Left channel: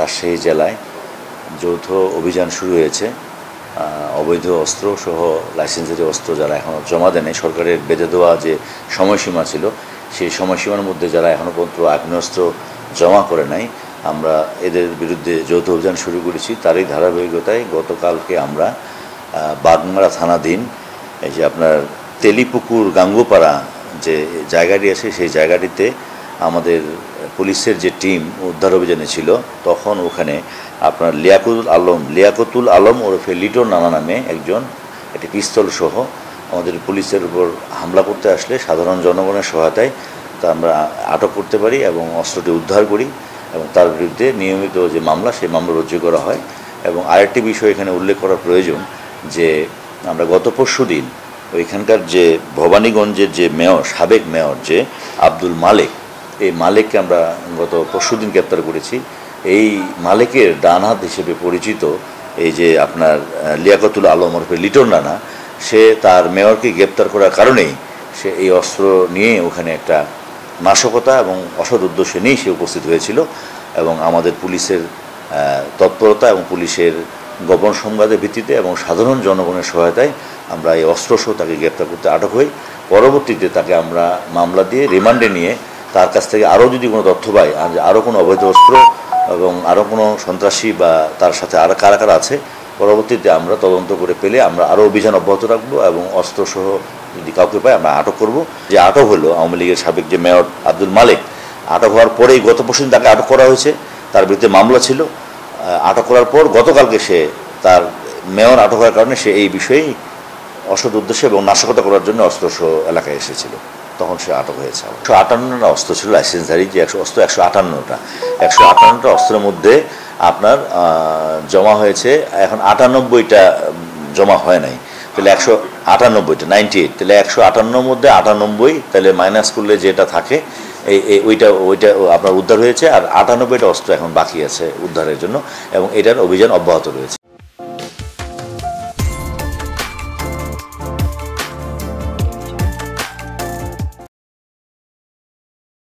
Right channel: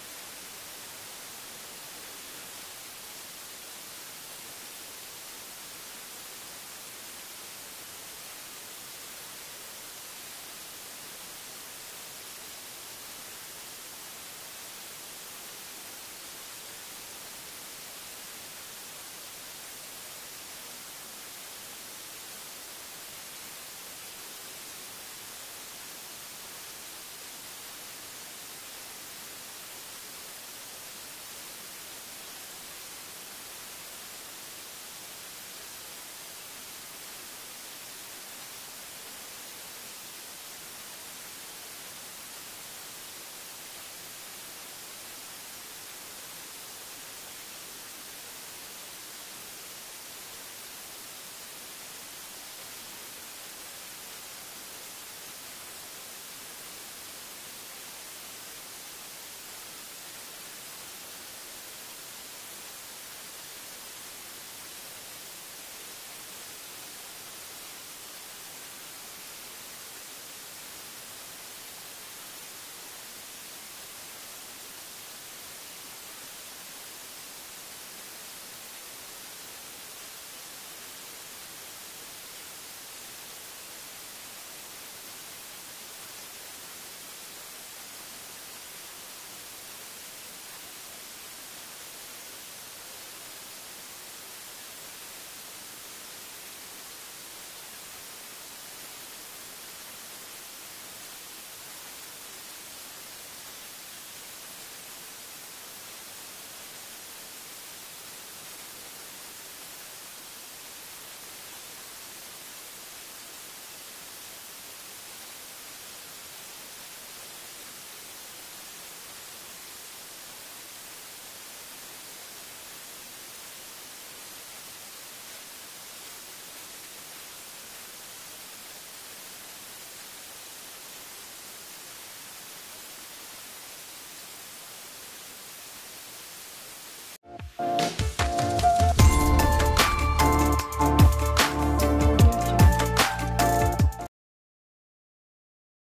রাজশাহী জেলায় যৌথ অভিযান শুরু হয়েছে। অবৈধ অস্ত্র সহ লাইসেন্সধারী অস্ত্র যারা এখনও জমা দেয়নি, সরকারের বেঁধে দেওয়া যে সময়সীমা ছিল সেই সময়সীমার মধ্যে যারা এখনও পর্যন্ত আগ্নেয়াস্ত্র জমা করে নাই, আমরা এদের বিরুদ্ধে যৌথ অভিযান শুরু করেছি। তারই ধারাবাহিকতায় গতকালকে আমরা বাগমারা থানাধীন এই যে আপনার তেলিপুকুর গাঙ্গুপাড়া যে জায়গাটি আছে সেই জায়গাটিতে আমাদের পুলিশের যে টিম উদ্ধার অভিযানে ছিল, তখন ওখানে আপনার লিয়াকতুল আলম ওরফে লিটন নানা নামে একজন একটি পিস্তল সহ আমাদের পুলিশের উপর হামলা করতে আসলে সাধারণ জনগণের সহায়তায় তা আমরা আটক করতে পারি এবং অস্ত্রটি উদ্ধার করি এবং তার বিরুদ্ধে নিয়মিত যে মামলা সেই মামলা রুজু করা হয়। এবং আরেকটি বিষয় এখানে উল্লেখ করা প্রয়োজন যে আমরা গত পরশু দিন ওইখানকার যে ভবানীগঞ্জের যে মেয়র, সাবেক মেয়র যে আব্দুল মালেক, এই মালেককে আমরা গত পরশুদিন গ্রেপ্তার করেছি। এই মালেকের ডান হাত হিসেবে পরিচিত এই যে আপনার লিয়াকতুল আলম ওরফে লিটন রানা, সে তার মেয়রকে গ্রেপ্তার করার কারণেই সে এই অস্ত্র নিয়ে ওখানে একটা নাশকতা এবং অসৎ উদ্দেশ্য নিয়েই সে উপস্থিত হয়েছিল। এবং আমাদের পুলিশের তৎপরতা এবং পুলিশের গোপন সংবাদের ভিত্তিতে এবং সাধারণ জনগণের সহায়তায় আমরা এই অস্ত্রসহ তাকে গ্রেপ্তার করতে আটক হই। পরবর্তীতে তাকে আমরা মামলা দিয়ে রিমান্ডে নিয়ে তার কাছ থেকে আরও যদি কোনো তথ্য পাই, আরও কোনো অবৈধ অস্ত্র এবং আরও কোনো সন্ত্রাসী বা তার সাথে আর কারা কারা আছে, পরবর্তীতে আমরা তদন্ত করে পেলে আমরা আরও অভিযান অব্যাহত রাখবো এবং অস্ত্রসহ যদি কাউকে পাই আমরা আটক করব। যে আটক হলো আওয়ামী লীগের সাবেক যে মেয়র আব্দুল মালেক, আটক হওয়ার পরেই গত পরশুদিন তাকে আটক করা হয়েছে, তার বিরুদ্ধে মামলা ছিল। আটক করার পর গতকালকে সে তার মেয়র আটক হওয়ার কারণে সে এই বিষয়েই অসৎ উদ্দেশ্যে এবং নাশকতা করার জন্য অস্ত্রসহ এলাকায় এসেছিল, তখন সে আটক হয়েছে। 158টা অস্ত্র ছিল লাইসেন্সধারী, যে অস্ত্র 158টা অস্ত্রের মধ্যে আপনার জমা হয়েছে এখন 98টা জমা হয় নাই, তাহলে 198টা 98, তাহলে 158 মধ্যে 98, তাহলে মাইনাস করলে যেটা থাকে ওইটা আপনার উদ্ধার হয়েছে। আর 98টা অস্ত্র এখন বাকি আছে উদ্ধারের জন্য এবং এটার অভিযান অব্যাহত রয়েছে।